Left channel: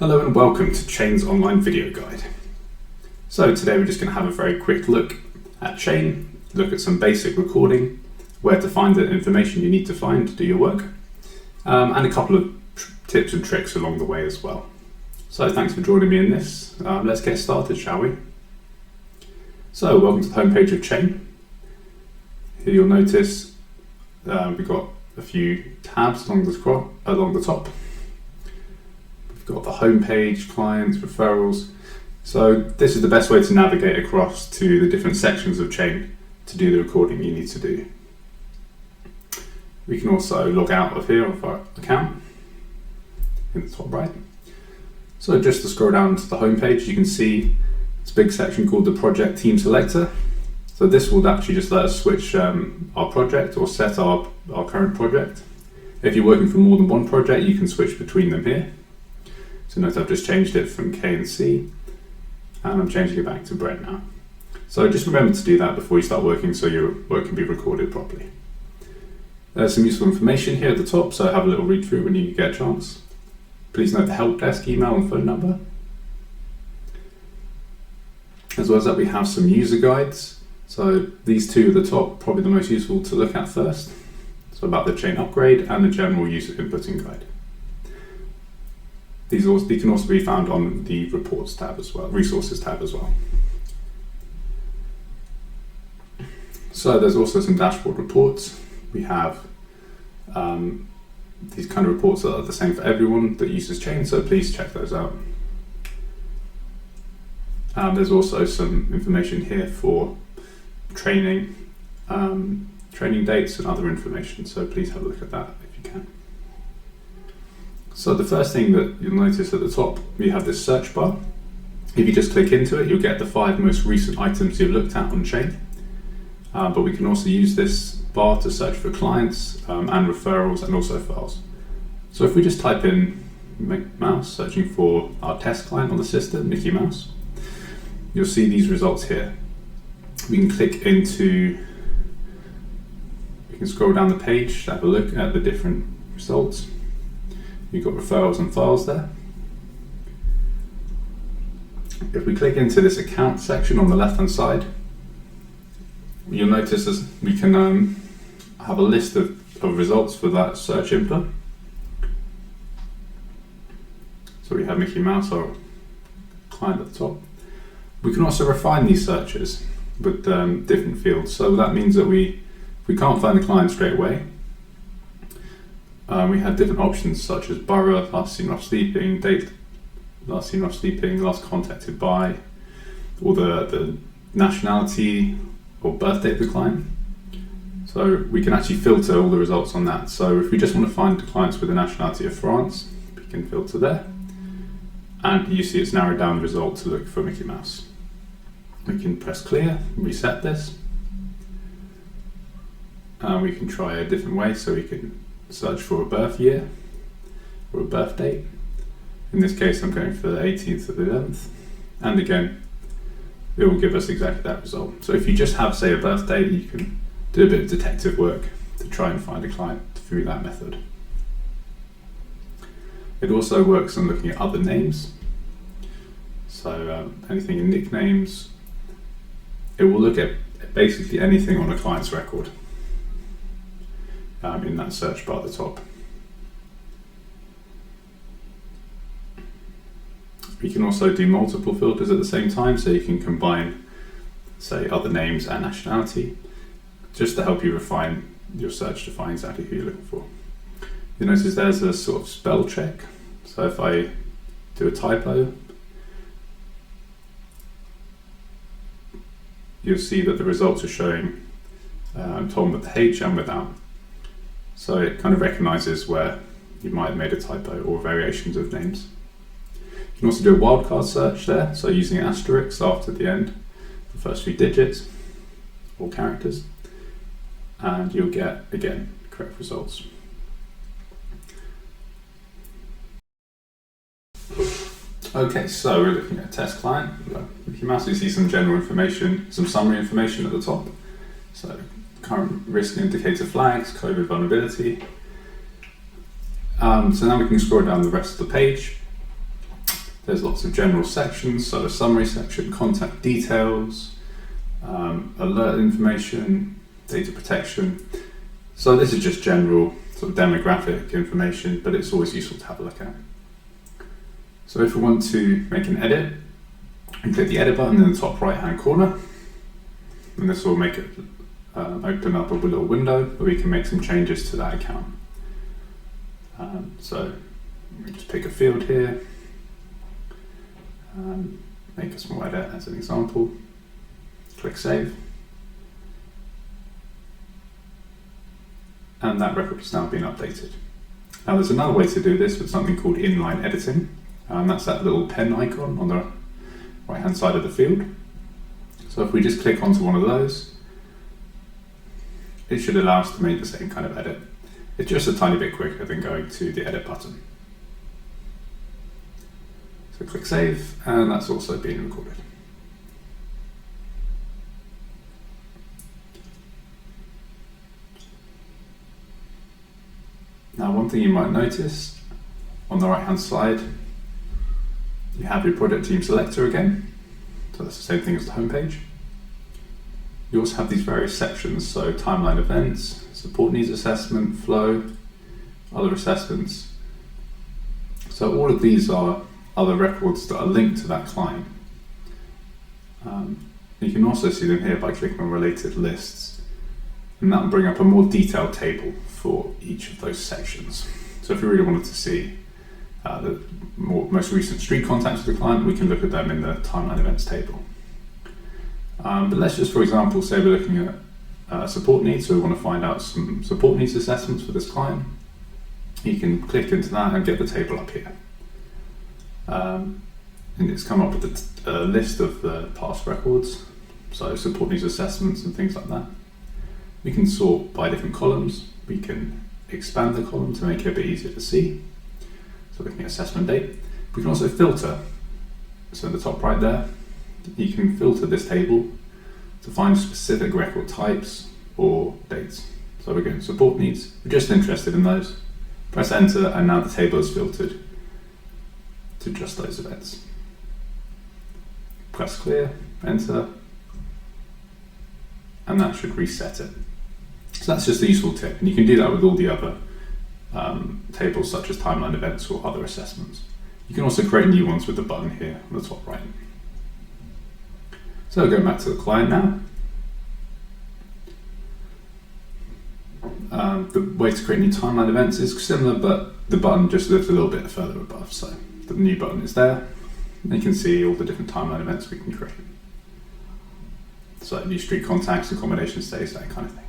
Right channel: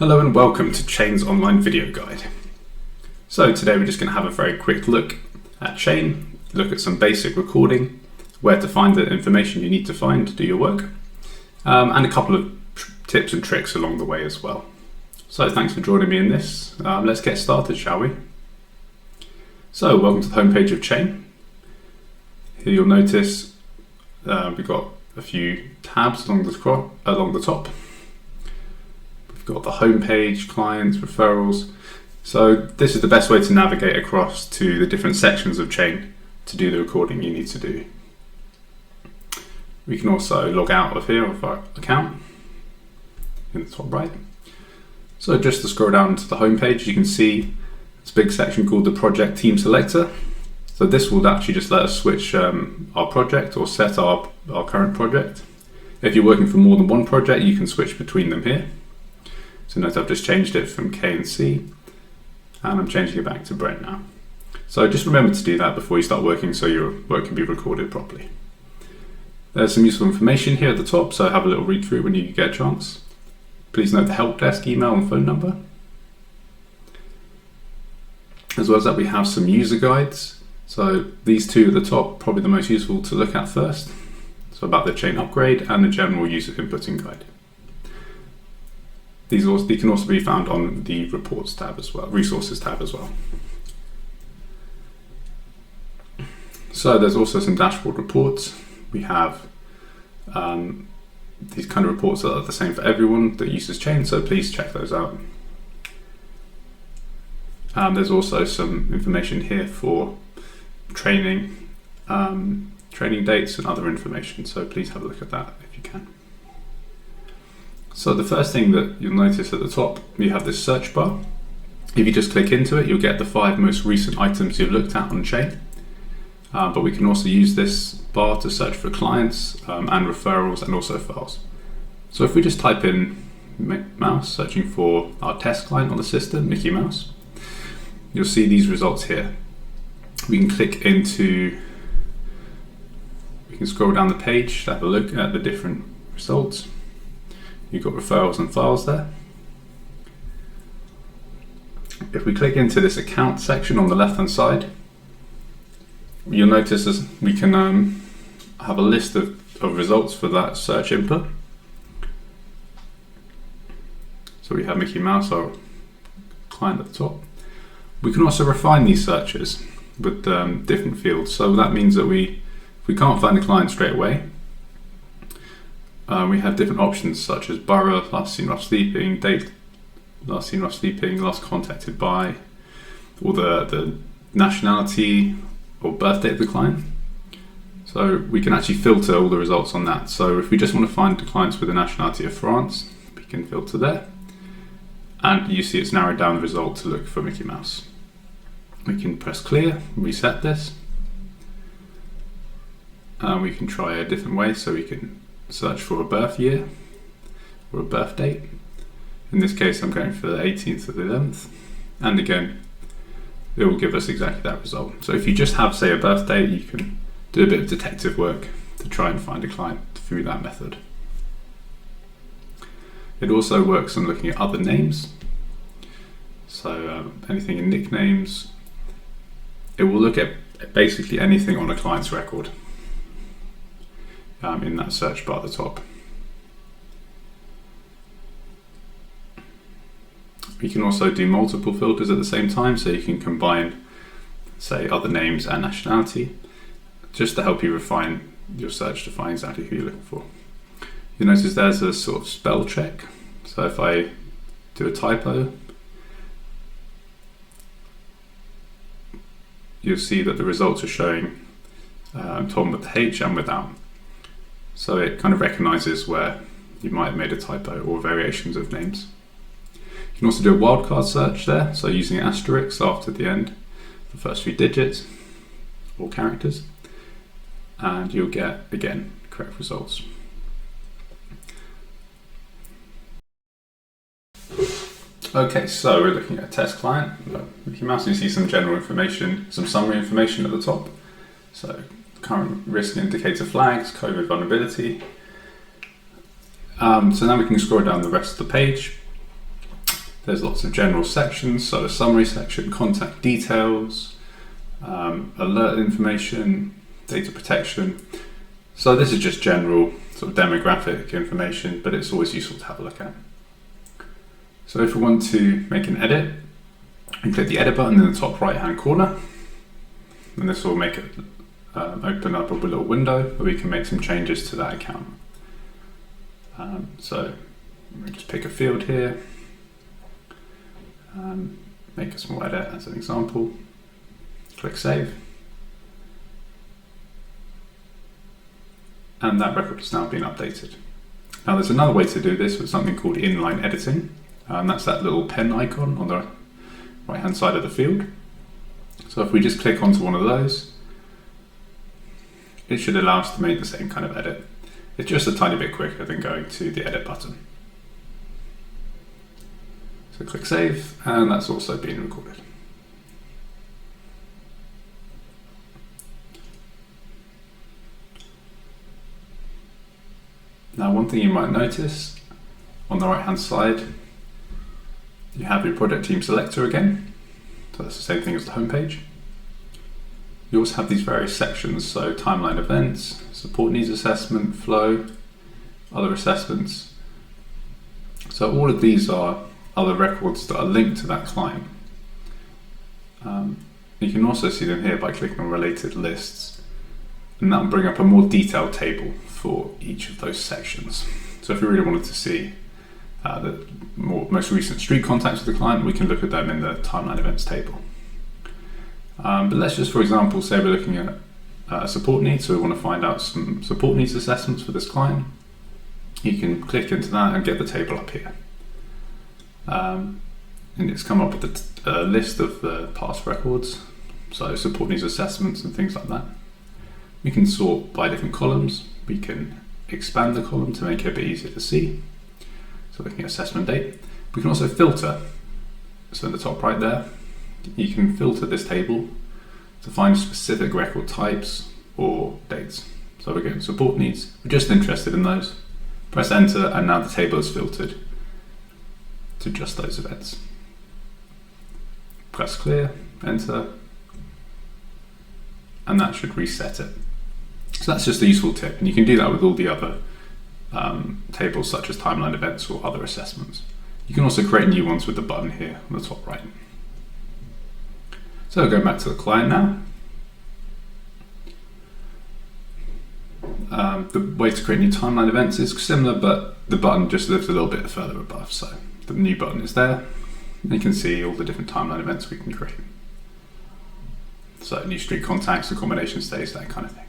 Hello and welcome to Chain's online video guide. So today we're just going to have a very quick look at Chain, look at some basic recording, where to find the information you need to find to do your work, and a couple of tips and tricks along the way as well. So thanks for joining me in this. Let's get started, shall we? So welcome to the homepage of Chain. Here you'll notice we've got a few tabs along the top. Got the home page, clients, referrals. So this is the best way to navigate across to the different sections of Chain to do the recording you need to do. We can also log out of here of our account in the top right. So just to scroll down to the home page, you can see this big section called the project team selector. So this will actually just let us switch our project or set our current project. If you're working for more than one project, you can switch between them here. So note I've just changed it from K and C, and I'm changing it back to Brent now. So just remember to do that before you start working so your work can be recorded properly. There's some useful information here at the top, so have a little read through when you get a chance. Please note the help desk email and phone number. As well as that, we have some user guides. So these two at the top, probably the most useful to look at first. So about the Chain upgrade and the general user inputting guide. They can also be found on the reports tab as well, resources tab as well. So there's also some dashboard reports. We have these kind of reports that are the same for everyone that uses Chain, so please check those out. There's also some information here for training, training dates and other information, so please have a look at that if you can. So the first thing that you'll notice at the top, you have this search bar. If you just click into it, you'll get the 5 most recent items you've looked at on Chain. But we can also use this bar to search for clients and referrals and also files. So if we just type in mouse, searching for our test client on the system, Mickey Mouse, you'll see these results here. We can scroll down the page to have a look at the different results. You've got referrals and files there. If we click into this account section on the left hand side, you'll notice as we can have a list of results for that search input. So we have Mickey Mouse, our client at the top. We can also refine these searches with different fields. So that means that if we can't find the client straight away, we have different options such as borough, last seen while sleeping, date, last seen while sleeping, last contacted by, or the nationality or birthday of the client. So we can actually filter all the results on that. So if we just want to find the clients with the nationality of France, we can filter there. And you see it's narrowed down the result to look for Mickey Mouse. We can press clear, reset this. We can try a different way, so we can search for a birth year or a birth date. In this case, I'm going for the 18th of the 11th. And again, it will give us exactly that result. So if you just have, say, a birthday, you can do a bit of detective work to try and find a client through that method. It also works on looking at other names. So anything in nicknames. It will look at basically anything on a client's record. In that search bar at the top. You can also do multiple filters at the same time, so you can combine, say, other names and nationality, just to help you refine your search to find exactly who you're looking for. You notice there's a sort of spell check. So if I do a typo, you'll see that the results are showing Tom with the H and without. So it kind of recognizes where you might have made a typo or variations of names. You can also do a wildcard search there, so using asterisks after the end, the first 3 digits or characters, and you'll get, again, correct results. Okay, so we're looking at a test client. Mickey Mouse, you see some general information, some summary information at the top. So current risk indicator flags, COVID vulnerability. So now we can scroll down the rest of the page. There's lots of general sections, so a summary section, contact details, alert information, data protection. So this is just general sort of demographic information, but it's always useful to have a look at. So if we want to make an edit, we click the edit button in the top right hand corner, and this will make it open up a little window where we can make some changes to that account. So we just pick a field here, make a small edit as an example, click save, and that record has now been updated. Now there's another way to do this with something called inline editing, and that's that little pen icon on the right hand side of the field. So if we just click onto one of those, it should allow us to make the same kind of edit. It's just a tiny bit quicker than going to the edit button. So click save, and that's also been recorded. Now one thing you might notice, on the right hand side, you have your project team selector again. So that's the same thing as the home page. You also have these various sections, so timeline events, support needs assessment, flow, other assessments. So all of these are other records that are linked to that client. You can also see them here by clicking on related lists, and that will bring up a more detailed table for each of those sections. So if we really wanted to see the most recent street contacts with the client, we can look at them in the timeline events table. But let's just, for example, say we're looking at support needs, so we want to find out some support needs assessments for this client. You can click into that and get the table up here. And it's come up with a list of the past records, so support needs assessments and things like that. We can sort by different columns. We can expand the column to make it a bit easier to see. So looking at assessment date. We can also filter. So in the top right there, you can filter this table to find specific record types or dates. So we're going to support needs. We're just interested in those. Press enter, and now the table is filtered to just those events. Press clear, enter, and that should reset it. So that's just a useful tip, and you can do that with all the other tables such as timeline events or other assessments. You can also create new ones with the button here on the top right. So going back to the client now. The way to create new timeline events is similar, but the button just lives a little bit further above. So the new button is there, and you can see all the different timeline events we can create. So new street contacts, accommodation stays, that kind of thing.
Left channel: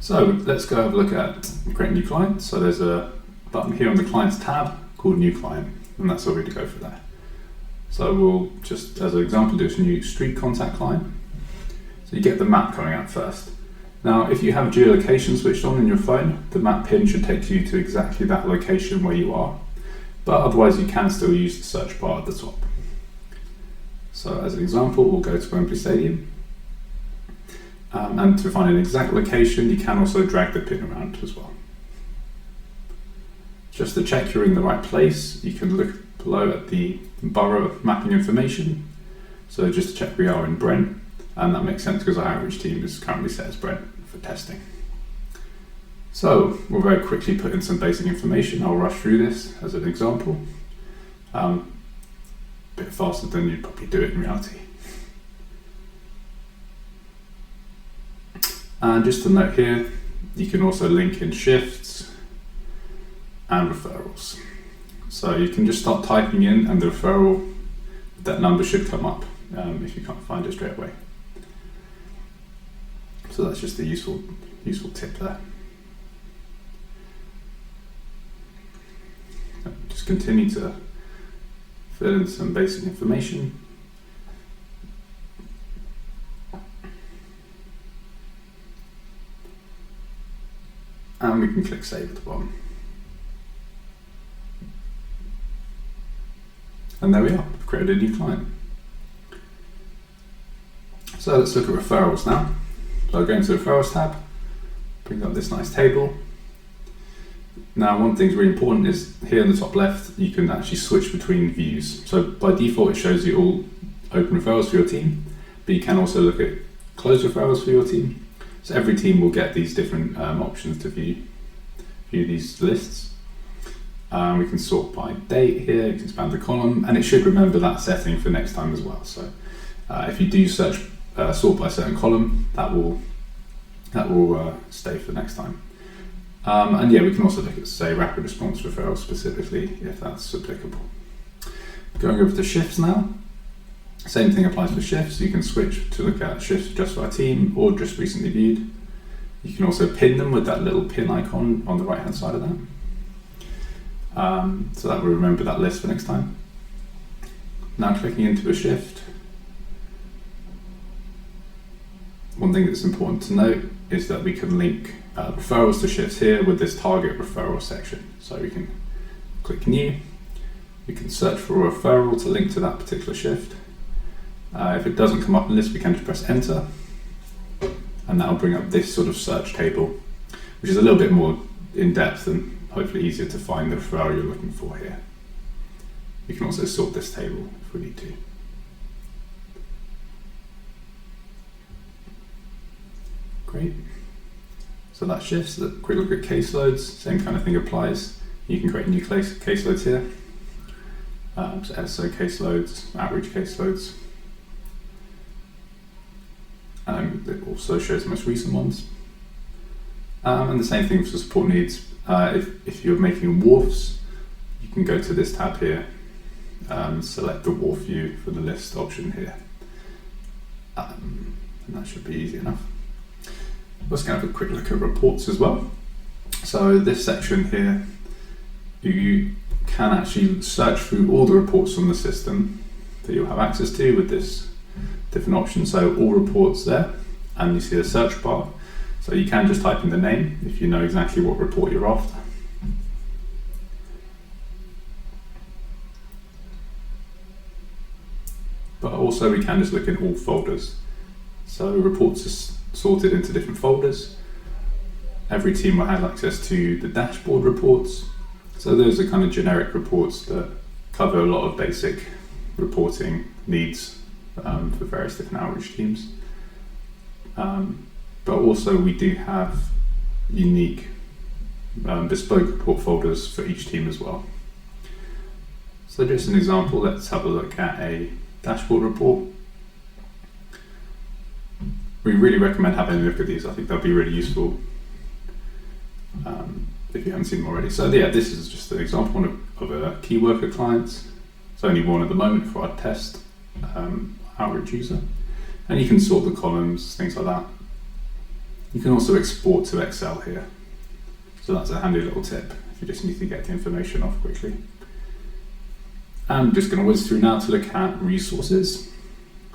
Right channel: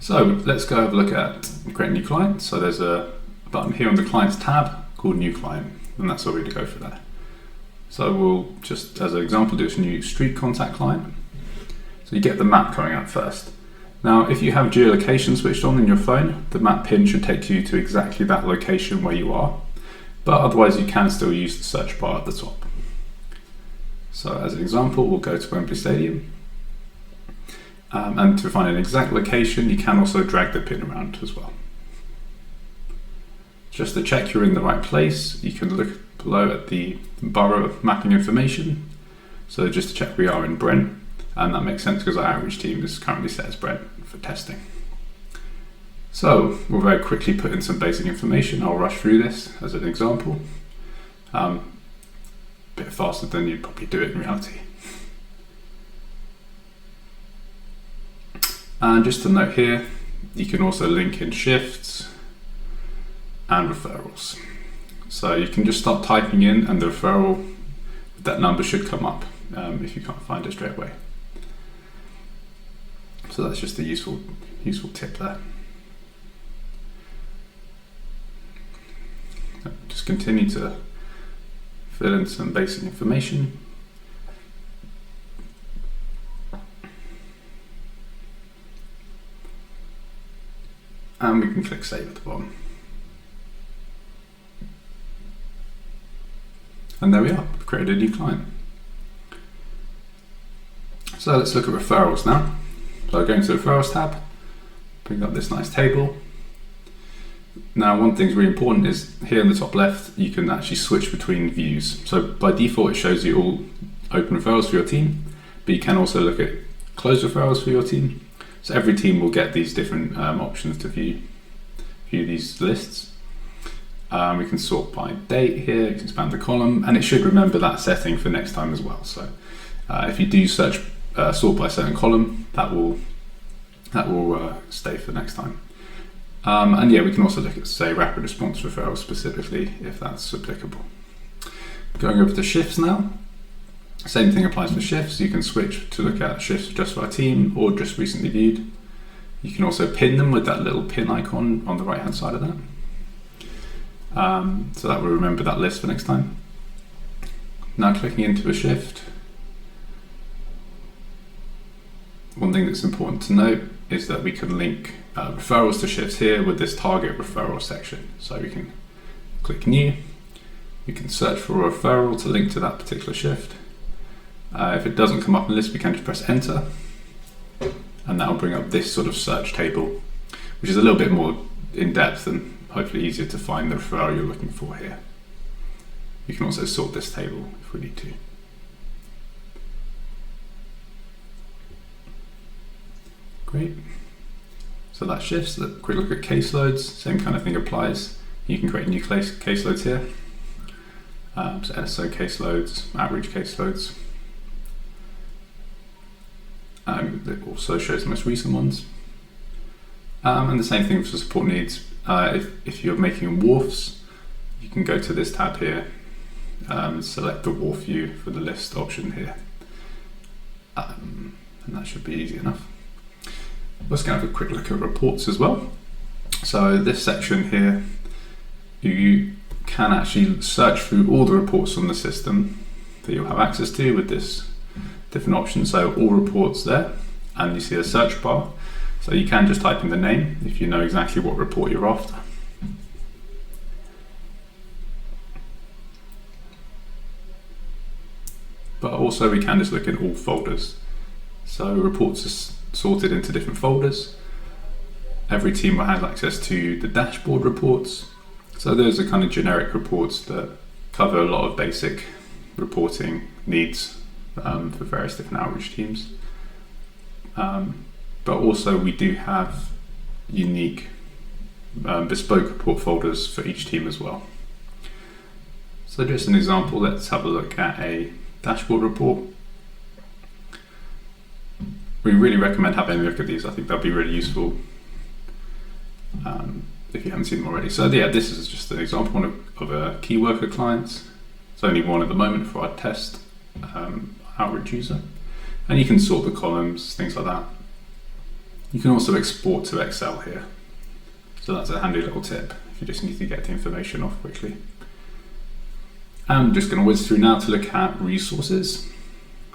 So let's go have a look at create a new client. So there's a button here on the clients tab called new client, and that's all we're going to go for there. So we'll just, as an example, do a new street contact client. So you get the map coming up first. Now, if you have geolocation switched on in your phone, the map pin should take you to exactly that location where you are, but otherwise you can still use the search bar at the top. So as an example, we'll go to Wembley Stadium. And to find an exact location, you can also drag the pin around as well. Just to check you're in the right place, you can look below at the borough mapping information. So just to check we are in Brent, and that makes sense because our outreach team is currently set as Brent for testing. So we'll very quickly put in some basic information. I'll rush through this as an example. A bit faster than you'd probably do it in reality. And just to note here, you can also link in shifts and referrals. So you can just start typing in, and the referral, that number should come up if you can't find it straight away. So that's just a useful tip there. Just continue to fill in some basic information. And we can click save at the bottom. And there we are, we've created a new client. So let's look at referrals now. So go into the referrals tab, bring up this nice table. Now, one thing's really important is here in the top left, you can actually switch between views. So by default, it shows you all open referrals for your team, but you can also look at closed referrals for your team. So every team will get these different options to view these lists. We can sort by date here, you can expand the column, and it should remember that setting for next time as well. So if you do sort by a certain column, that will stay for next time. And yeah, we can also look at, say, rapid response referrals specifically, if that's applicable. Going over to shifts now. Same thing applies for shifts. You can switch to look at shifts just for our team or just recently viewed. You can also pin them with that little pin icon on the right hand side of that. So that will remember that list for next time. Now clicking into a shift. One thing that's important to note is that we can link referrals to shifts here with this target referral section. So we can click new. We can search for a referral to link to that particular shift. If it doesn't come up in the list, we can just press enter, and that will bring up this sort of search table, which is a little bit more in depth and hopefully easier to find the referral you're looking for here. You can also sort this table if we need to. Great. So that shifts. A quick look at caseloads. Same kind of thing applies. You can create new caseloads here. So SO caseloads, average caseloads. It also shows the most recent ones. And the same thing for support needs. If you're making wharfs, you can go to this tab here, select the wharf view for the list option here. And that should be easy enough. Let's go have a quick look at reports as well. So this section here, you can actually search through all the reports on the system that you'll have access to with this different options. So all reports there, and you see a search bar. So you can just type in the name if you know exactly what report you're after. But also we can just look in all folders. So reports are sorted into different folders. Every team will have access to the dashboard reports. So those are kind of generic reports that cover a lot of basic reporting needs for various different outreach teams. But also we do have unique bespoke report folders for each team as well. So just an example, let's have a look at a dashboard report. We really recommend having a look at these. I think they'll be really useful if you haven't seen them already. So yeah, this is just an example of a key worker client. It's only one at the moment for our test outreach user. And you can sort the columns, things like that. You can also export to Excel here. So that's a handy little tip if you just need to get the information off quickly. I'm just going to whiz through now to look at resources.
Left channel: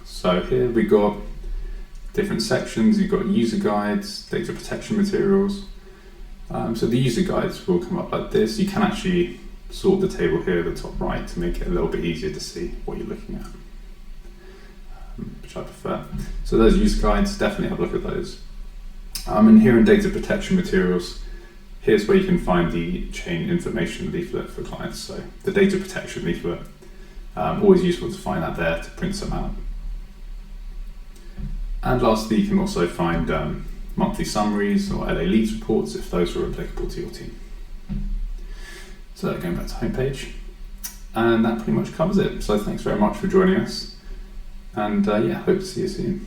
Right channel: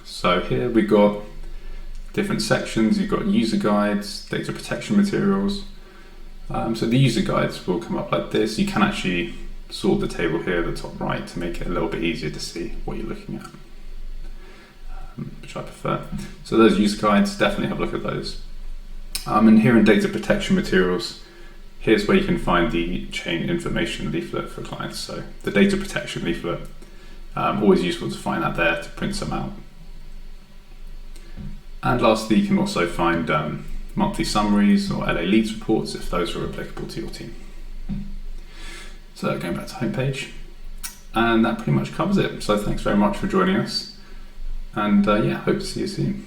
So here we've got different sections. You've got user guides, data protection materials. So the user guides will come up like this. You can actually sort the table here at the top right to make it a little bit easier to see what you're looking at, which I prefer. So those user guides, definitely have a look at those. And here in data protection materials, here's where you can find the chain information leaflet for clients. So the data protection leaflet, always useful to find that there to print some out. And lastly, you can also find monthly summaries or LA leads reports if those are applicable to your team. So going back to homepage, and that pretty much covers it. So thanks very much for joining us, and yeah, hope to see you soon.